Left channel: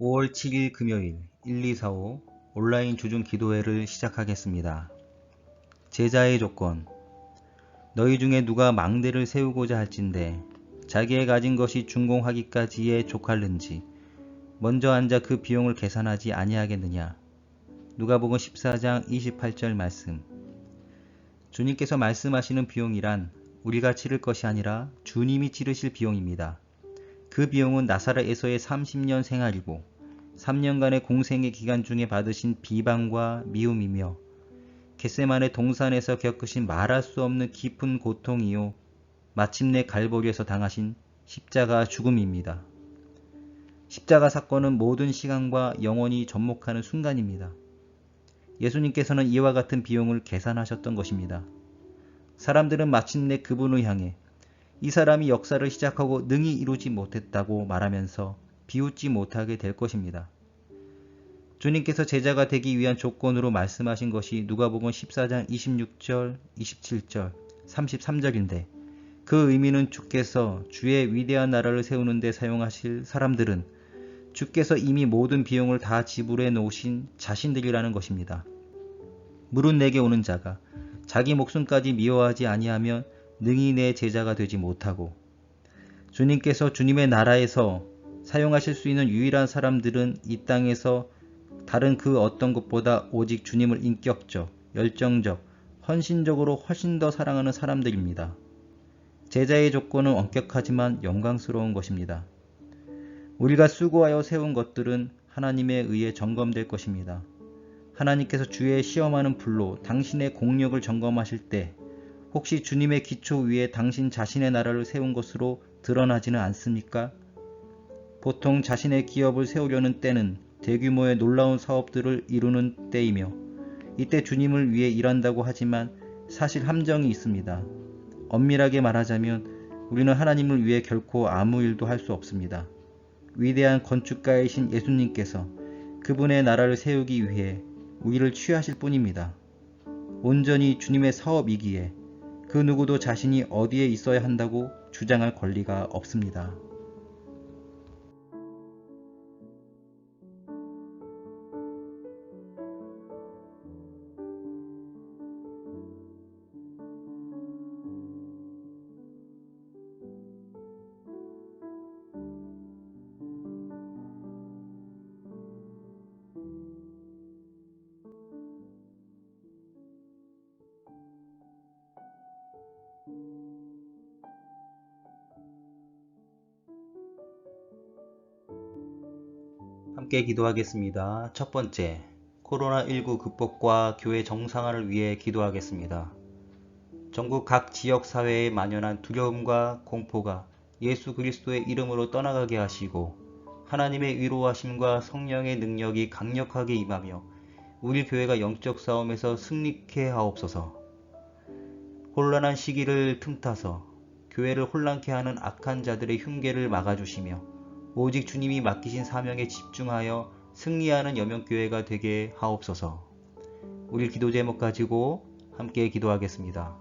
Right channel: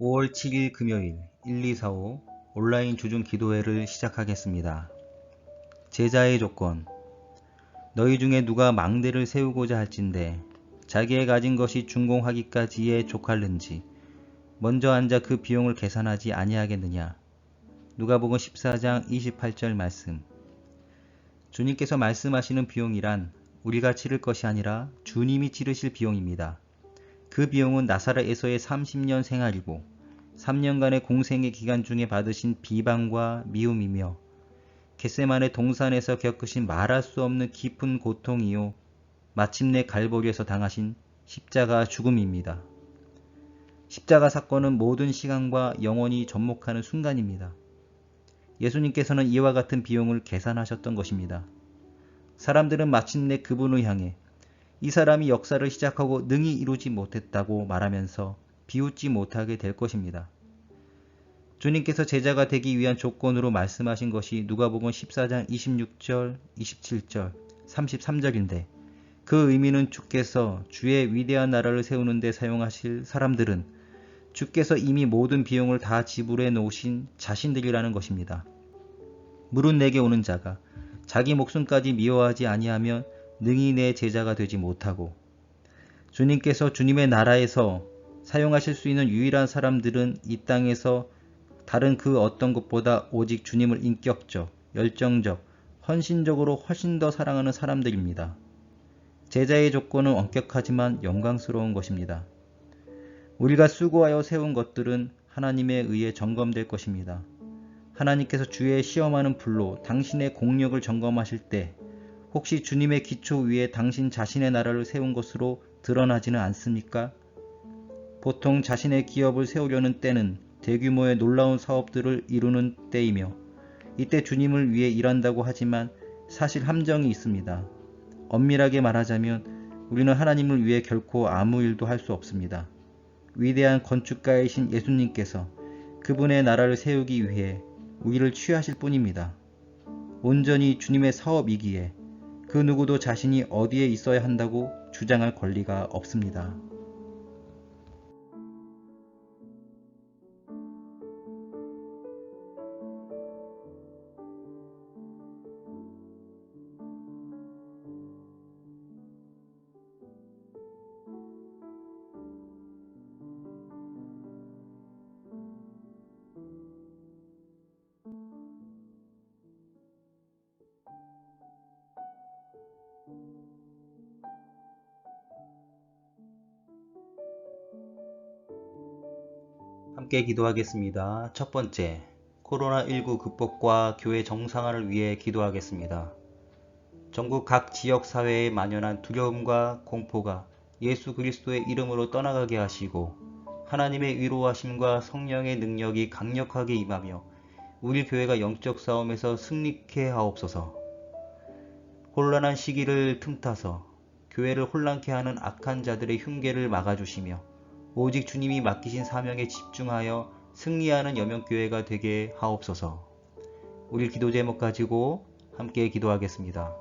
5월 7일 금요일 1245 온라인 주중 기도회를 시작하겠습니다. 제자의 조건. 너희 중에 누가 망대를 세우고자 할진대 자기의 가진 것이 준공하기까지에 족할는지 먼저 앉아 그 비용을 계산하지 아니하겠느냐. 누가복음 14장 28절 말씀. 주님께서 말씀하시는 비용이란 우리가 치를 것이 아니라 주님이 치르실 비용입니다. 그 비용은 나사렛에서의 30년 생활이고 3년간의 공생의 기간 중에 받으신 비방과 미움이며 겟세마네 동산에서 겪으신 말할 수 없는 깊은 고통이요 마침내 갈보리에서 당하신 십자가 죽음입니다. 십자가 사건은 모든 시간과 영원히 접목하는 순간입니다. 예수님께서는 이와 같은 비용을 계산하셨던 것입니다. 사람들은 마침내 그분을 향해 이 사람이 역사를 시작하고 능히 이루지 못했다고 말하면서 비웃지 못하게 될 것입니다. 주님께서 제자가 되기 위한 조건으로 말씀하신 것이 누가복음 14장 26절, 27절, 33절인데 그 의미는 주께서 주의 위대한 나라를 세우는 데 사용하실 사람들은 주께서 이미 모든 비용을 다 지불해 놓으신 자신들이라는 것입니다. 물은 내게 오는 자가 자기 목숨까지 미워하지 아니하면 능히 내 제자가 되지 못하고 주님께서 주님의 나라에서 사용하실 수 있는 유일한 사람들은 이 땅에서 다른 그 어떤 것보다 오직 주님을 인격적, 열정적, 헌신적으로 훨씬 더 사랑하는 사람들입니다. 제자의 조건은 엄격하지만 영광스러운 것입니다. 우리가 수고하여 세운 것들은 하나님에 의해 점검될 것입니다. 하나님께서 주의 시험하는 불로 당신의 공력을 점검하실 때 혹시 주님의 기초 위에 당신 자신의 나라를 세운 것으로 드러나지는 않습니까? 보통 자신의 기업을 세우려는 때는 대규모의 놀라운 사업들을 이루는 때이며 이때 주님을 위해 일한다고 하지만 사실 함정이 있습니다. 엄밀하게 말하자면 우리는 하나님을 위해 결코 아무 일도 할 수 없습니다. 위대한 건축가이신 예수님께서 그분의 나라를 세우기 위해 우리를 취하실 뿐입니다. 온전히 주님의 사업이기에 그 누구도 자신이 어디에 있어야 한다고 주장할 권리가 없습니다. 함께 기도하겠습니다. 첫 번째, 코로나19 극복과 교회 정상화를 위해 기도하겠습니다. 전국 각 지역 사회에 만연한 두려움과 공포가 예수 그리스도의 이름으로 떠나가게 하시고 하나님의 위로하심과 성령의 능력이 강력하게 임하며 우리 교회가 영적 싸움에서 승리케 하옵소서. 혼란한 시기를 틈타서 교회를 혼란케 하는 악한 자들의 흉계를 막아주시며 오직 주님이 맡기신 사명에 집중하여 승리하는 여명교회가 되게 하옵소서. 우리 기도 제목 가지고 함께 기도하겠습니다.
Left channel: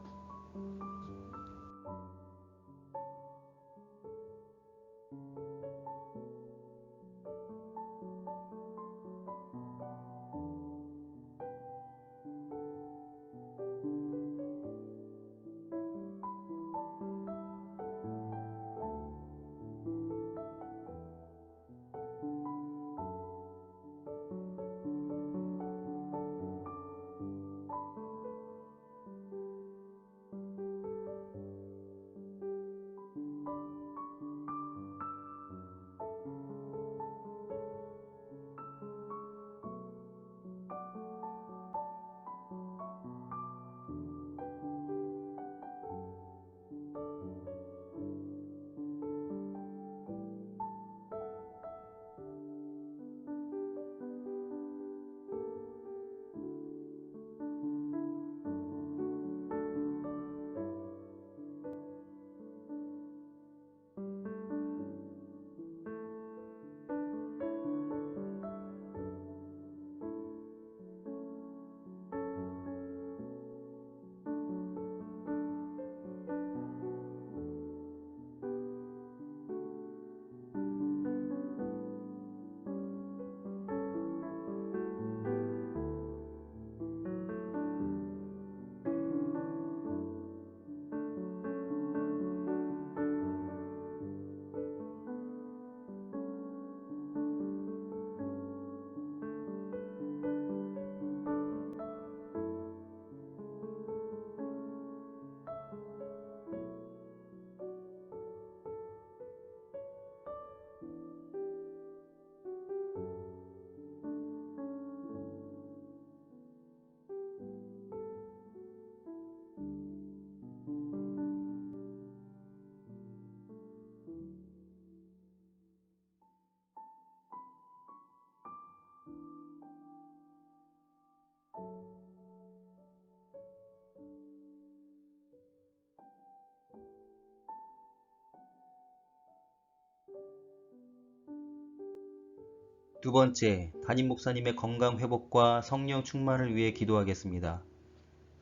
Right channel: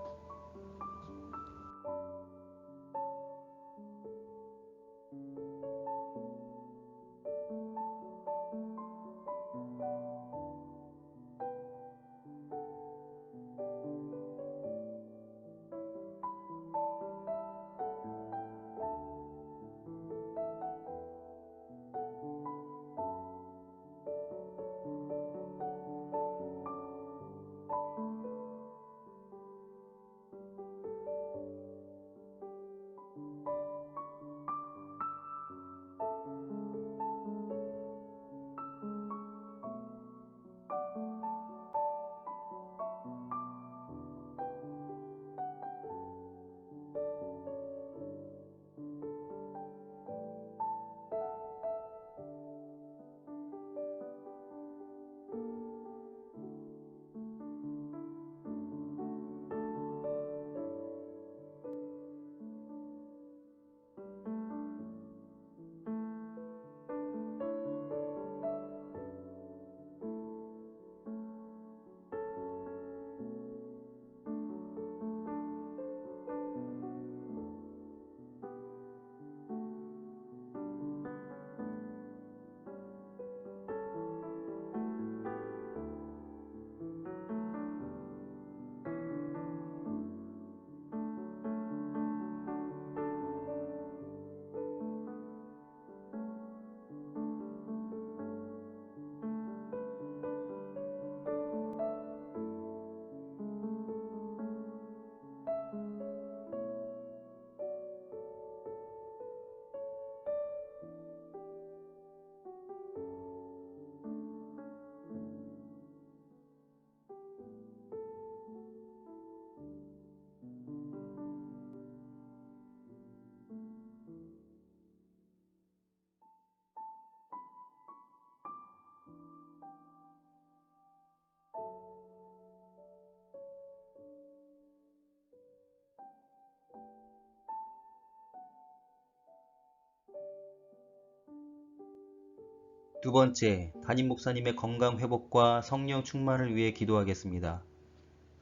두 번째, 담임 목사님의 건강 회복과 성령 충만을 위해 기도하겠습니다.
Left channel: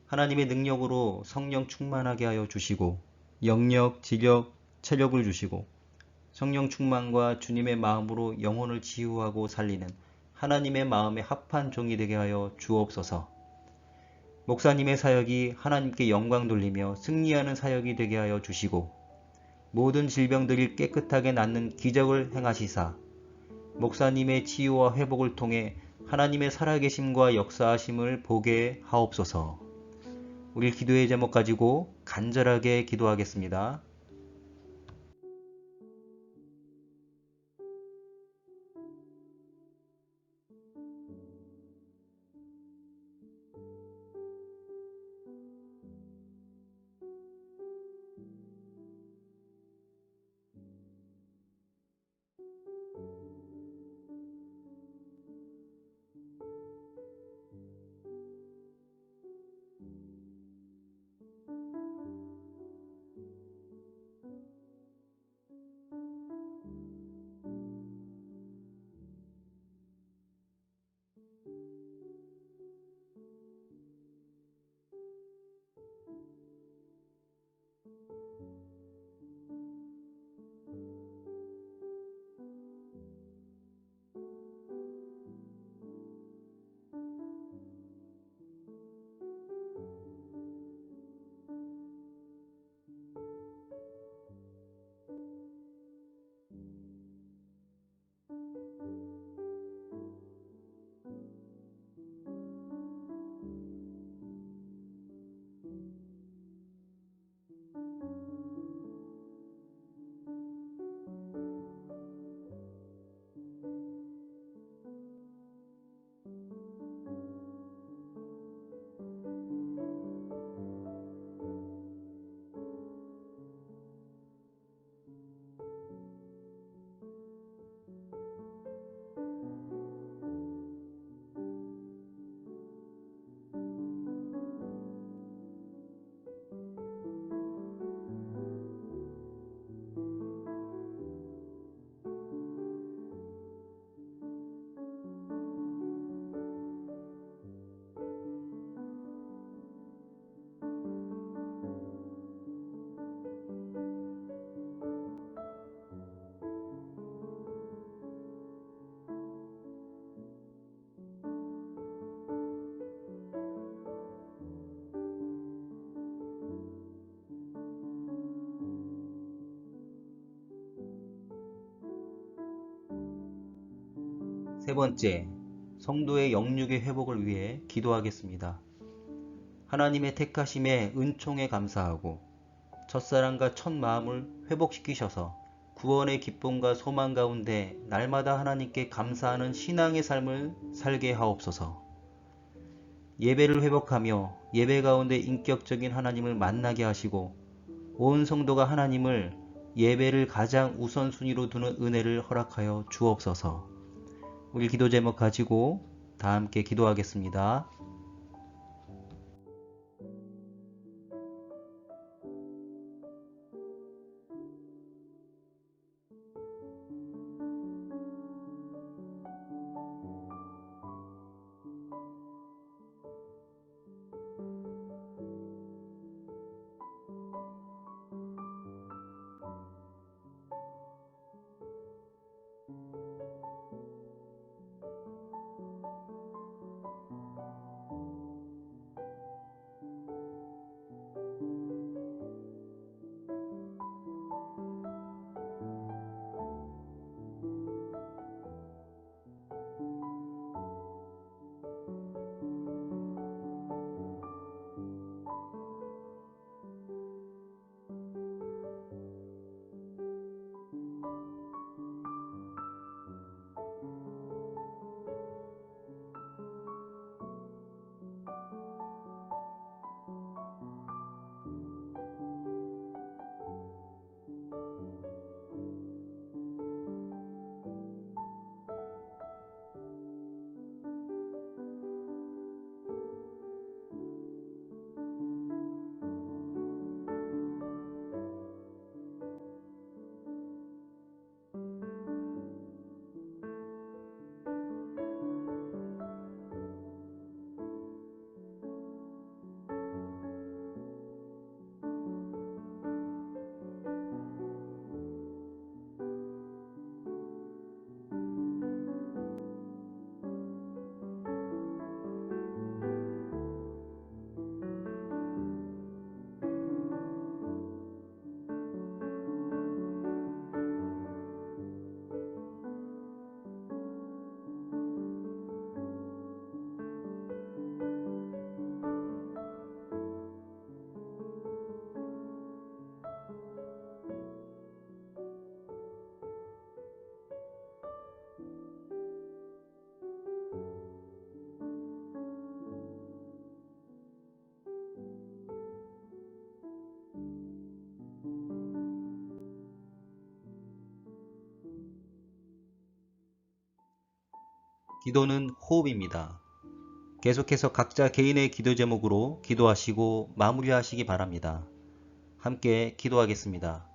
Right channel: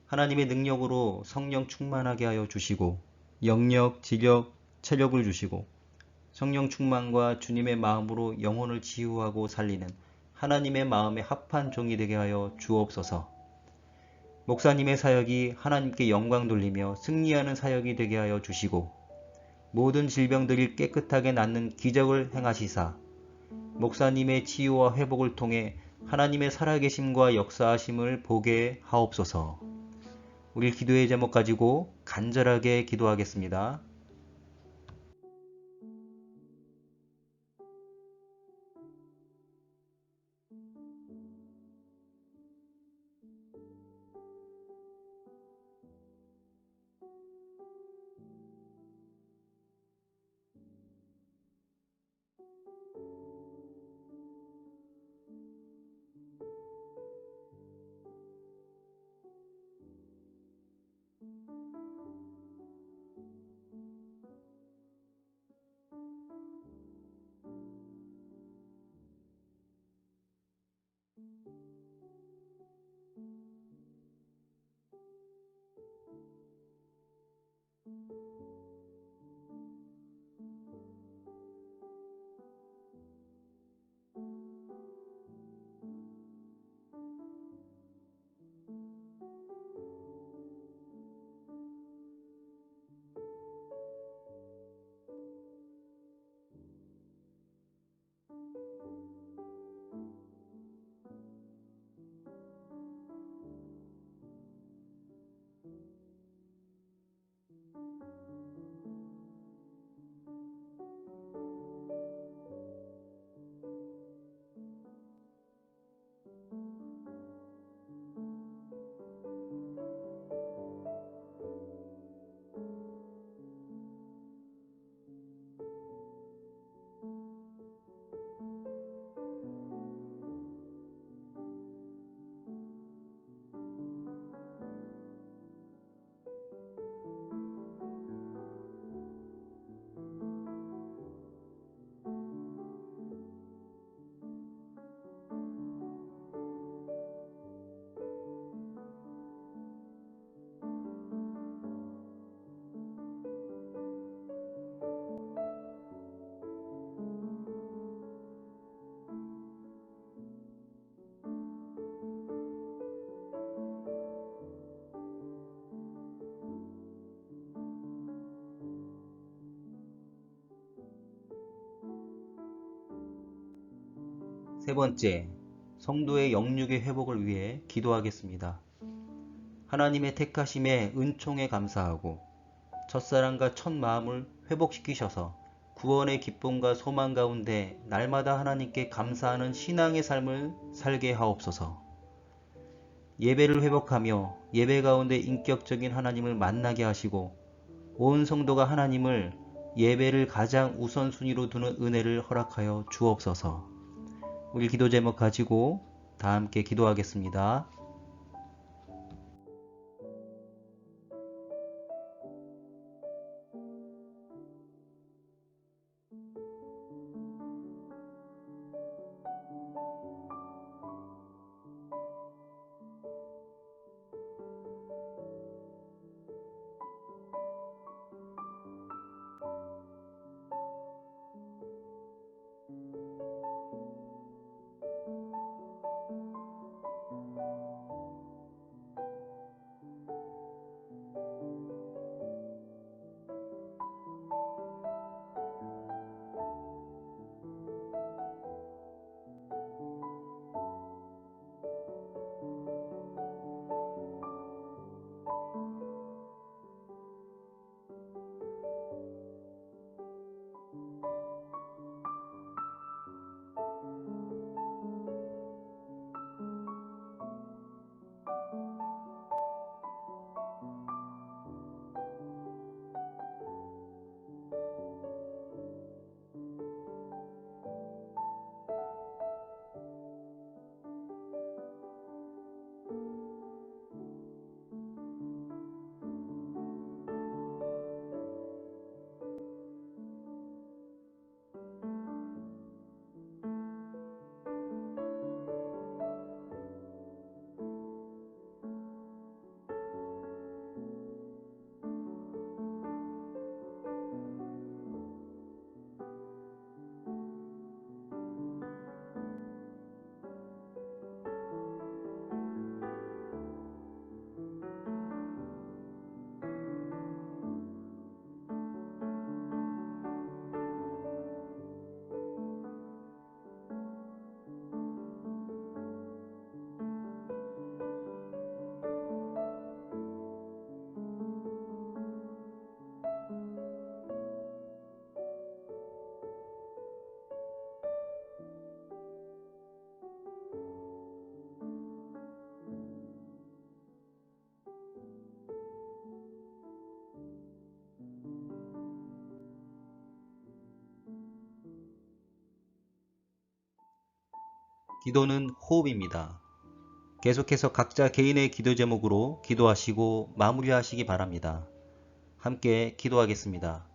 하나님의 능력으로 성령 충만하게 하여 주시고 영력, 지력, 체력을 주시고 성령 충만과 주님의 마음으로 영혼을 치유하고 살리는 하나님의 마음에 합한 종이 되게 하여 주옵소서. 목사님의 사역이 하나님께 영광 돌리며 승리하는 사역이 되게 하여 주시고 모든 질병들이 깨끗하게 낫는 기적을 행하시사 목사님의 치유와 회복을 통해 하나님의 살아계심과 역사하심을 보게 하옵소서. 우리 기도의 제목 가지고 간절하게 기도하겠습니다. 세 번째, 성도의 영육의 회복을 위해 기도하겠습니다. 하나님의 택하심에 은총에 감사하고 첫사랑과 첫 마음을 회복시키셔서 구원의 기쁨과 소망 가운데 날마다 하나님께 감사하는 신앙의 삶을 살게 하옵소서. 예배를 회복하며 예배 가운데 인격적인 하나님을 만나게 하시고 온 성도가 하나님을 예배를 가장 우선순위로 두는 은혜를 허락하여 주옵소서. 우리 기도 제목 가지고 다 함께 기도하겠습니다. 기도는 호흡입니다. 계속해서 각자 개인의 기도 제목으로 기도하시고 마무리하시기 바랍니다. 함께 기도하겠습니다.